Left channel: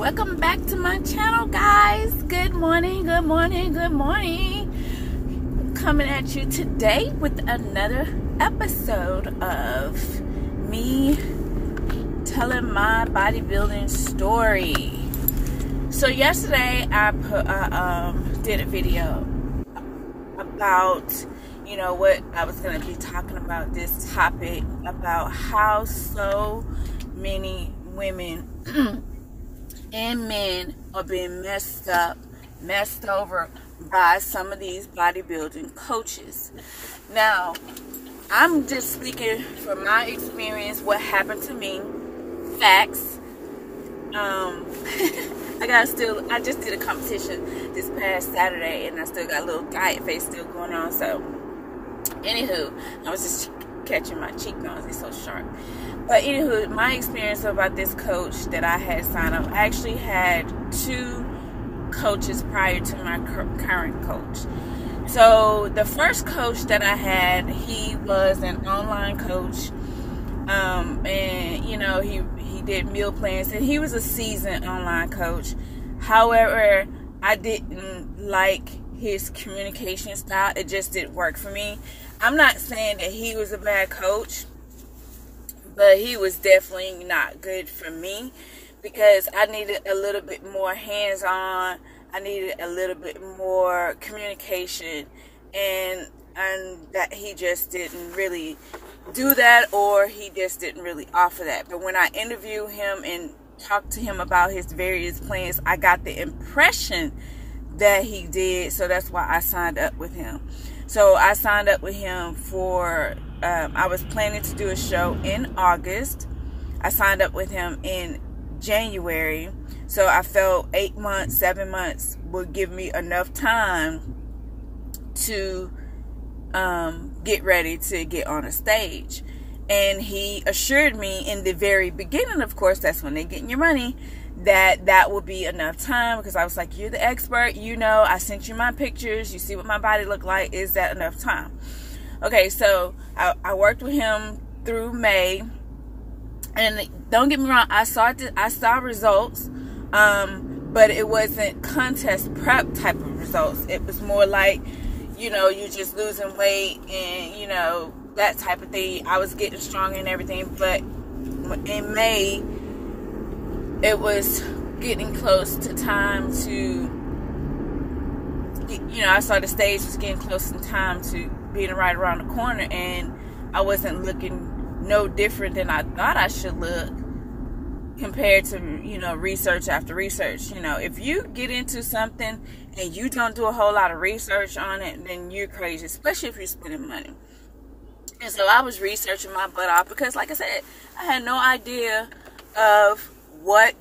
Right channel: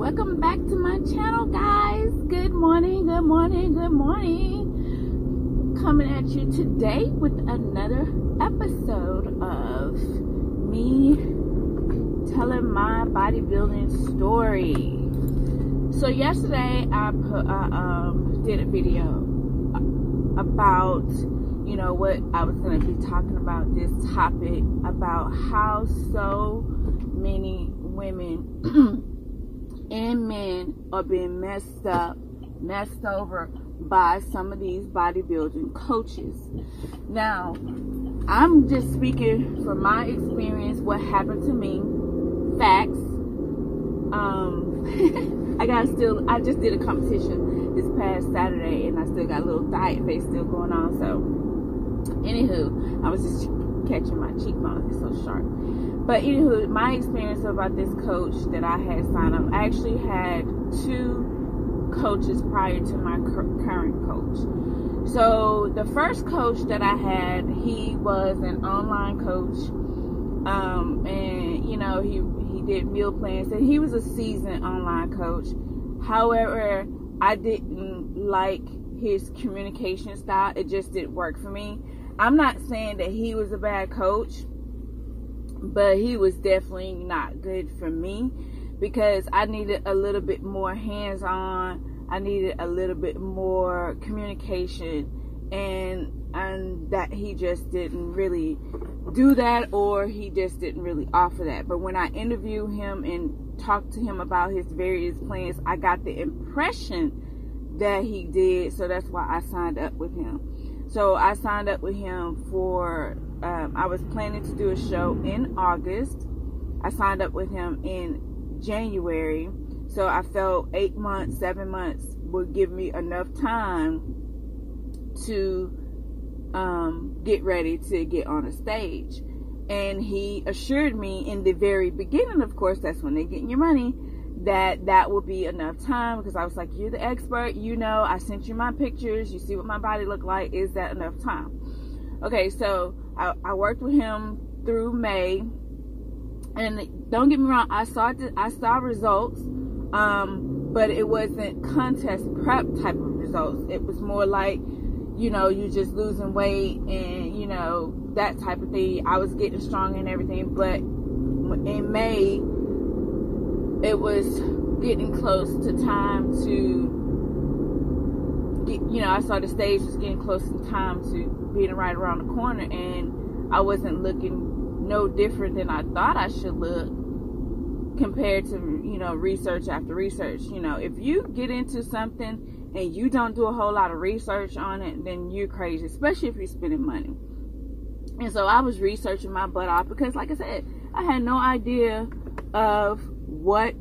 Welcome back to my channel, guys. Good morning, good morning, good morning. Coming at you today with another episode of me telling my bodybuilding story. So yesterday I did a video about what I was going to be talking about, this topic about how so many women and men are being messed over by some of these bodybuilding coaches. Now, I'm just speaking from my experience, what happened to me, facts. I just did a competition this past Saturday, and I still got a little diet face still going on. So, anywho, I was just catching my cheekbones; they're so sharp. But anywho, my experience about this coach that I had signed up, I actually had two coaches prior to my current coach. So the first coach that I had, he was an online coach, and he did meal plans, and he was a seasoned online coach. However, I didn't like his communication style. It just didn't work for me. I'm not saying that he was a bad coach, but he was definitely not good for me because I needed a little bit more hands-on. I needed a little bit more communication, and that he just didn't really do that, or he just didn't really offer that. But when I interviewed him and talked to him about his various plans, I got the impression that he did, so that's why I signed up with him. So I signed up with him for I was planning to do a show in August. I signed up with him in January. So I felt 8 months, 7 months would give me enough time to get ready to get on a stage. And he assured me in the very beginning, of course, that's when they're getting your money, that would be enough time, because I was like, you're the expert, I sent you my pictures, you see what my body looked like, is that enough time? Okay, so I worked with him through May, and don't get me wrong, I saw results, but it wasn't contest prep type of results. It was more like, you just losing weight and, that type of thing. I was getting stronger and everything, but in May, it was getting close to time to, I saw the stage was getting close in time to being right around the corner, and I wasn't looking no different than I thought I should look compared to, research after research. If you get into something and you don't do a whole lot of research on it, then you're crazy, especially if you're spending money. And so I was researching my butt off because, like I said, I had no idea of what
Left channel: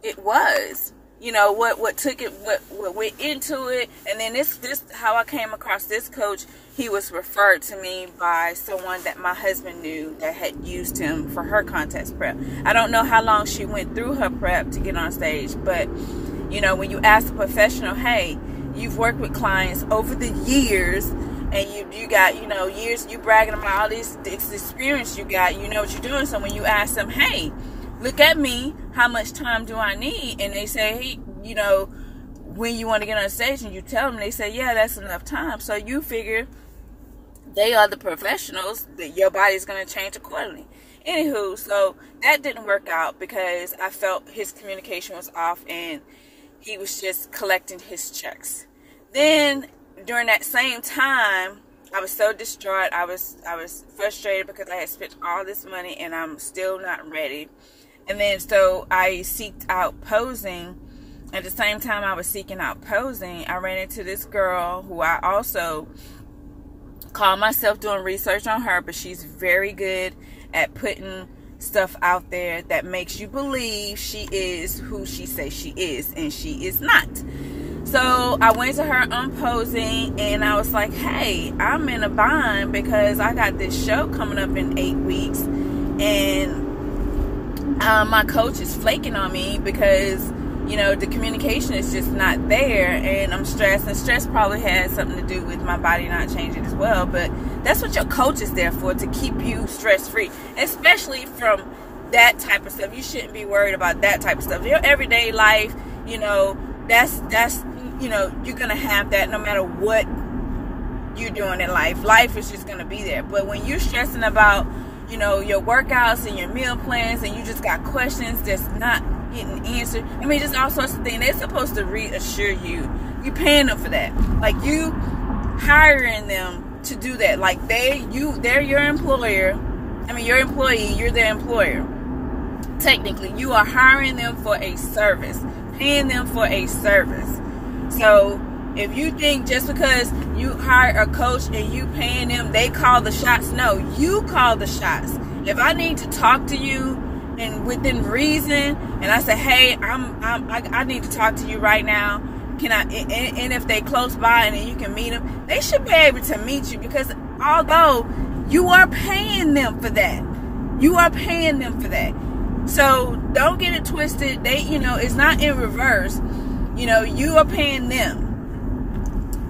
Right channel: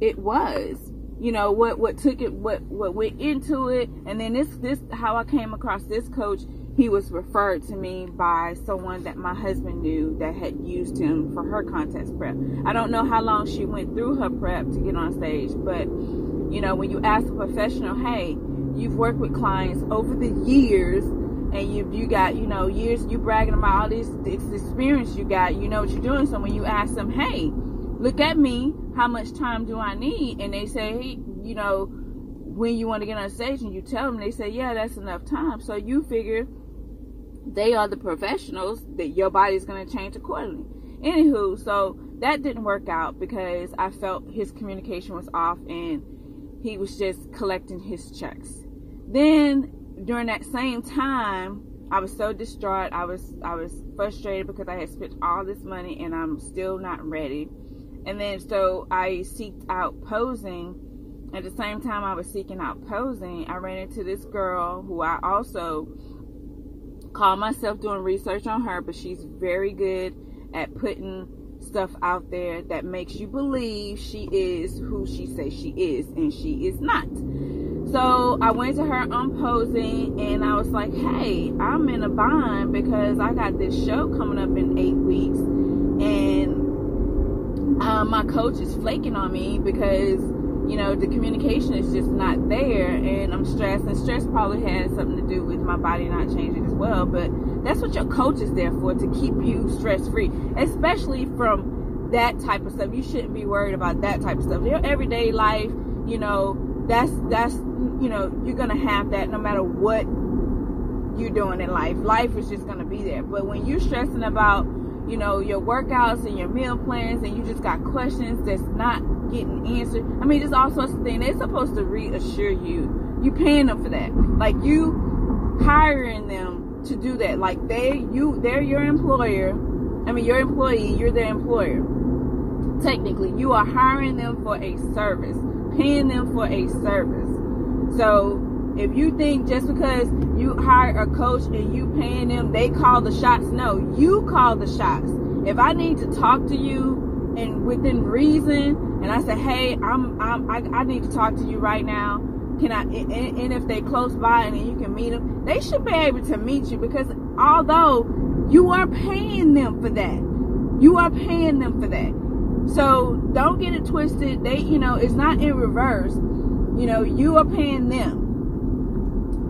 it was, what took it, what went into it. And then this how I came across this coach. He was referred to me by someone that my husband knew that had used him for her contest prep. I don't know how long she went through her prep to get on stage, but when you ask a professional, hey, you've worked with clients over the years, and you got years, you bragging about all this experience you got, you know what you're doing. So when you ask them, hey, look at me, how much time do I need? And they say, hey, when you want to get on stage, and you tell them, they say, yeah, that's enough time. So you figure they are the professionals, that your body's going to change accordingly. Anywho, so that didn't work out because I felt his communication was off, and he was just collecting his checks. Then during that same time, I was so distraught. I was frustrated because I had spent all this money and I'm still not ready. And then so I seeked out posing. At the same time I was seeking out posing, I ran into this girl who I also call myself doing research on her, but she's very good at putting stuff out there that makes you believe she is who she says she is, and she is not. So I went to her on posing, and I was like, hey, I'm in a bind because I got this show coming up in 8 weeks, and my coach is flaking on me because the communication is just not there, and I'm stressed, and stress probably has something to do with my body not changing as well. But that's what your coach is there for, to keep you stress-free, especially from that type of stuff. You shouldn't be worried about that type of stuff. Your everyday life, you know, that's you know, you're gonna have that no matter what you're doing in life. Life is just gonna be there. But when you're stressing about, you know, your workouts and your meal plans, and you just got questions that's not getting answered, I mean, just all sorts of things, they're supposed to reassure you. You paying them for that. Like, you hiring them to do that. Like, they're your employer. I mean, your employee, you're their employer. Technically, you are hiring them for a service, paying them for a service. So if you think just because you hire a coach and you paying them, they call the shots, no, you call the shots. If I need to talk to you and within reason, and I say, hey, I need to talk to you right now, can I? And if they close by and then you can meet them, they should be able to meet you, because although you are paying them for that, you are paying them for that. So don't get it twisted. They, you know, it's not in reverse. You know, you are paying them.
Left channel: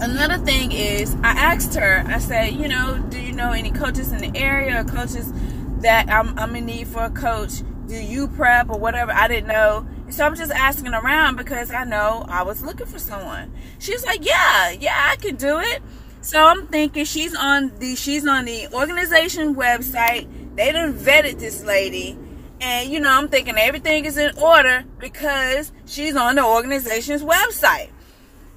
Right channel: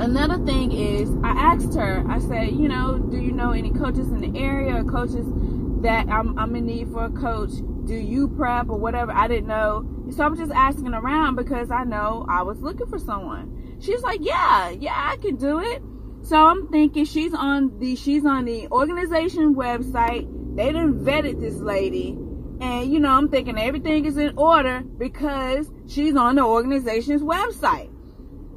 Another thing is, I asked her, I said, you know, do you know any coaches in the area, or coaches that I'm in need for a coach? Do you prep or whatever? I didn't know. So I'm just asking around because I know I was looking for someone. She's like, yeah, I can do it. So I'm thinking she's on the organization website. They done vetted this lady. And, you know, I'm thinking everything is in order because she's on the organization's website.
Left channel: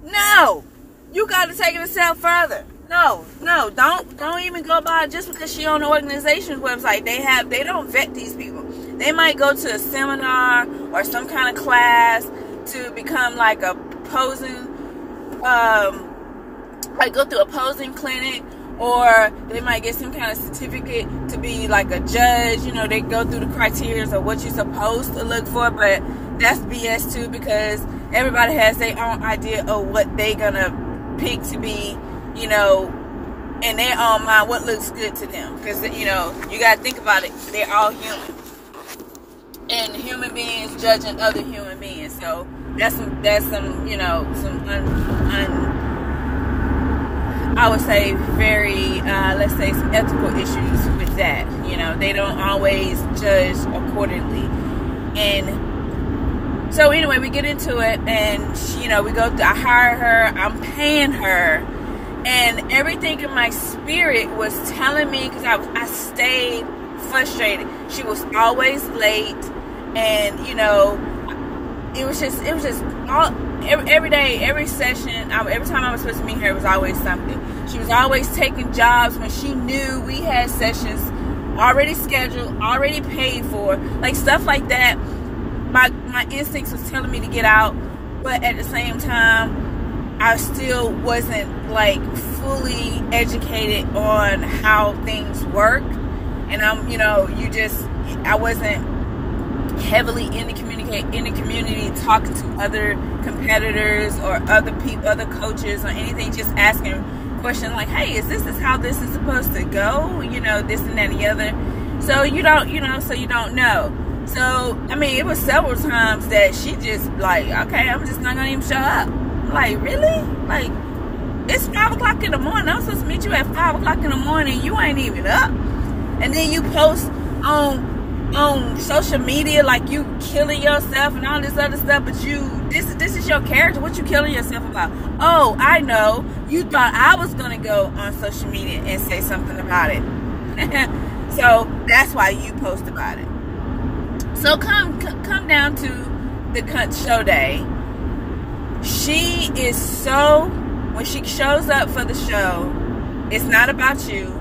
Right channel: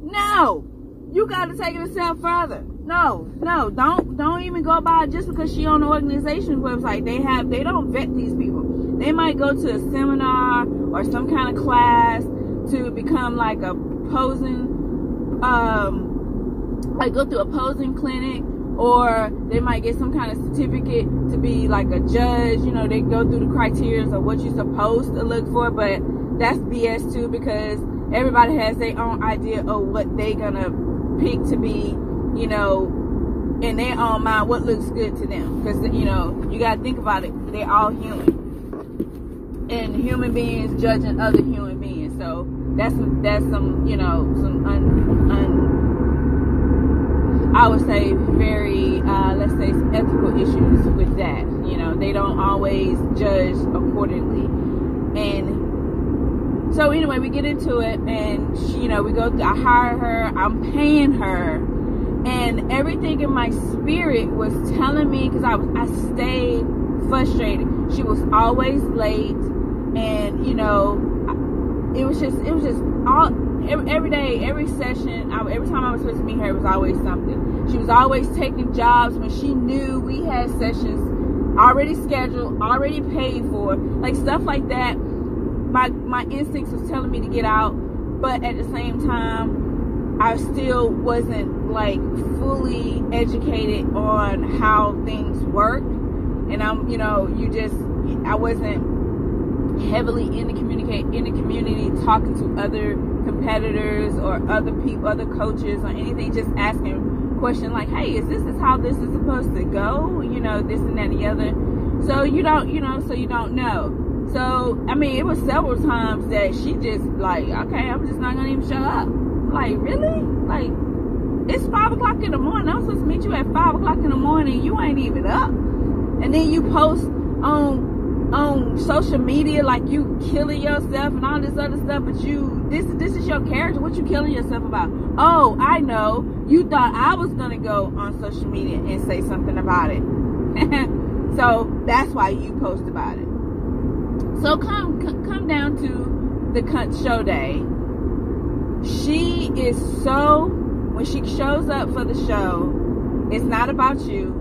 No, you got to take it a step further. No, don't even go by just because she's on the organization's website. They don't vet these people. They might go to a seminar or some kind of class to become like a posing, like go through a posing clinic, or they might get some kind of certificate to be like a judge. You know, they go through the criteria of what you're supposed to look for, but that's BS too, because everybody has their own idea of what they're gonna pick to be, you know, in their own mind, what looks good to them. Because, you know, you gotta think about it, they're all human, and human beings judging other human beings. So that's some you know, some I would say very, let's say, some ethical issues with that. You know, they don't always judge accordingly. And so anyway, we get into it, and she, you know, we go through, I hire her, I'm paying her, and everything in my spirit was telling me, because I stayed frustrated. She was always late, and, you know, it was just all, every day, every session, every time I was supposed to meet her, it was always something. She was always taking jobs when she knew we had sessions already scheduled, already paid for, like stuff like that. My instincts was telling me to get out, but at the same time, I still wasn't like fully educated on how things work. And I'm, you know, I wasn't heavily in the community talking to other competitors or other people, other coaches or anything, just asking questions like, hey, is how this is supposed to go? You know, this and that and the other. So you don't know. So, I mean, it was several times that she just like, okay, I'm just not gonna even show up. I'm like, really? Like, it's 5 o'clock in the morning. I'm supposed to meet you at 5 o'clock in the morning. You ain't even up. And then you post on social media like you killing yourself and all this other stuff, but this is your character. What you killing yourself about? Oh, I know. You thought I was gonna go on social media and say something about it. So that's why you post about it. So come down to the show day. She is so, when she shows up for the show, it's not about you.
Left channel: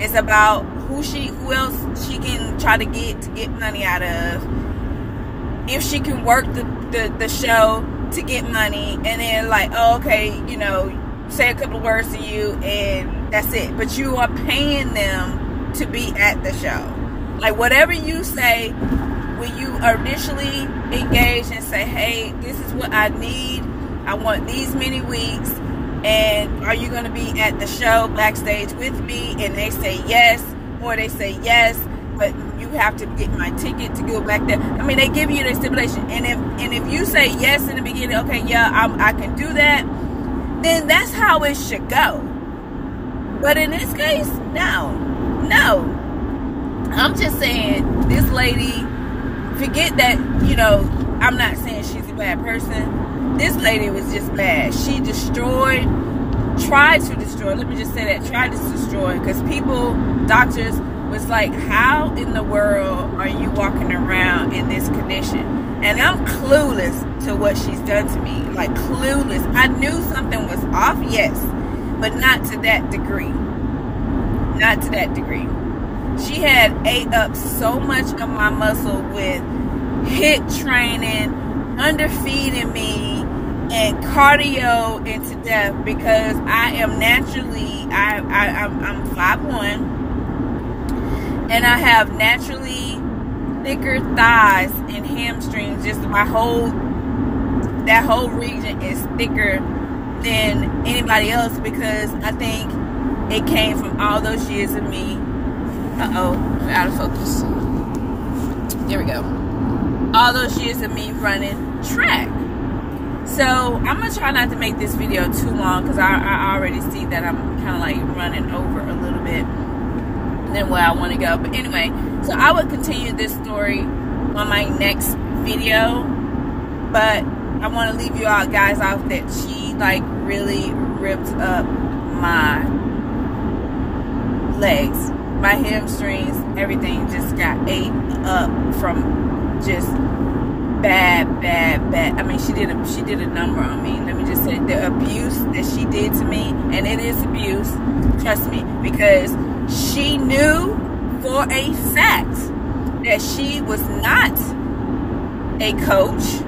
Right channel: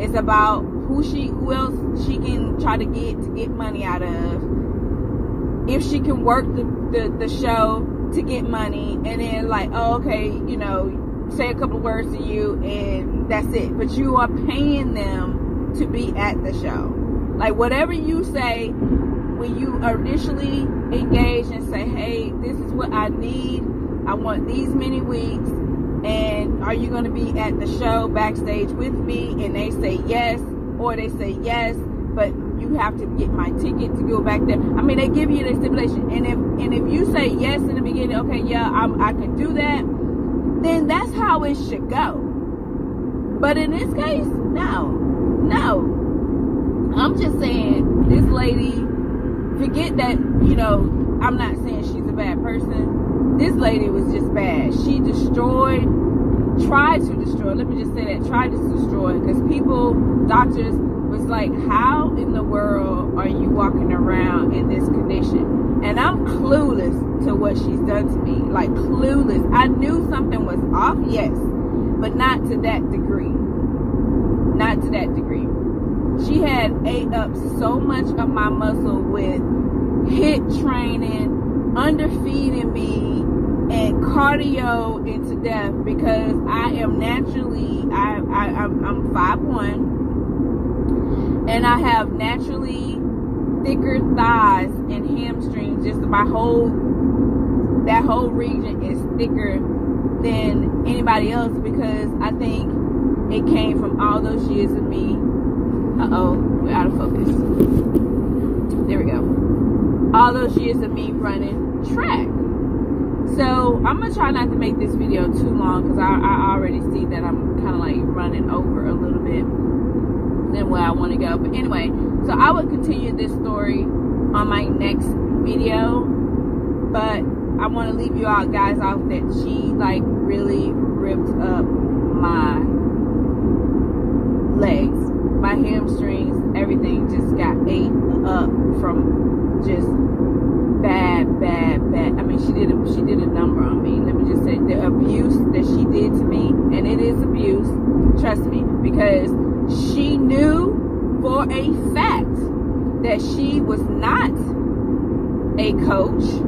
It's about who else she can try to get money out of. If she can work the show to get money, and then like, oh, okay, you know, say a couple of words to you and that's it. But you are paying them to be at the show. Like, whatever you say when you initially engage and say, hey, this is what I need, I want these many weeks, and are you going to be at the show backstage with me? And they say yes, or they say yes, but you have to get my ticket to go back there. I mean, they give you the stipulation, and if you say yes in the beginning, okay, yeah, I can do that, then that's how it should go. But in this case, no. I'm just saying, this lady, forget that, you know, I'm not saying she's a bad person. This lady was just bad. She tried to destroy, let me just say that, tried to destroy, because people, doctors, was like, how in the world are you walking around in this condition? And I'm clueless to what she's done to me. Like, clueless. I knew something was off, yes, but not to that degree. Not to that degree. She had ate up so much of my muscle with HIIT training, underfeeding me, and cardio into death, because I am naturally, I'm 5'1", and I have naturally thicker thighs and hamstrings. Just that whole region is thicker than anybody else, because I think it came from all those years of me. We're out of focus. There we go. All those years of me running track. So I'm gonna try not to make this video too long, because I already see that I'm kind of like running over a little bit than where I want to go. But anyway, so I will continue this story on my next video, but I want to leave you all guys off that she like really ripped up my legs, my hamstrings, everything just got ate up from just bad. I mean, she did a number on me. Let me just say, the abuse that she did to me, and it is abuse, trust me, because she knew for a fact that she was not a coach,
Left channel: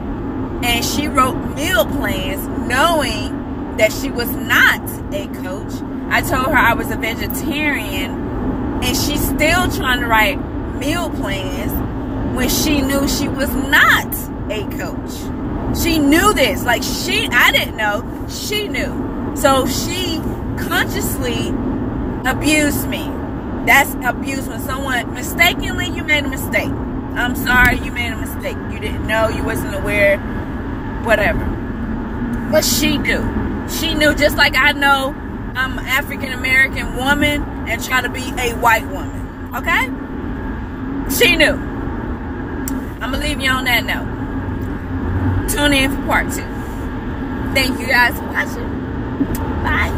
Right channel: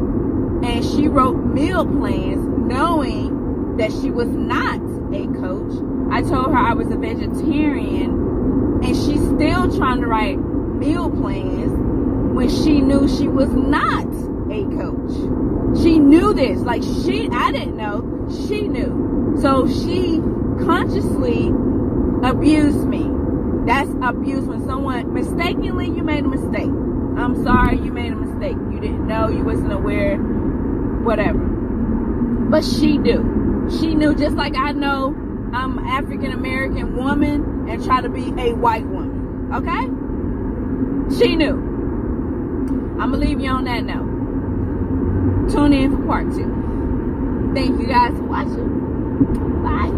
and she wrote meal plans knowing that she was not a coach. I told her I was a vegetarian, and she's still trying to write meal plans when she knew she was not a coach. She knew this. Like, I didn't know. She knew. So she consciously abused me. That's abuse. When someone mistakenly, you made a mistake. I'm sorry, you made a mistake. You didn't know, you wasn't aware, whatever. But she knew. She knew, just like I know I'm an African-American woman and try to be a white woman. Okay? She knew. I'm going to leave you on that note. Tune in for part 2. Thank you guys for watching. Bye.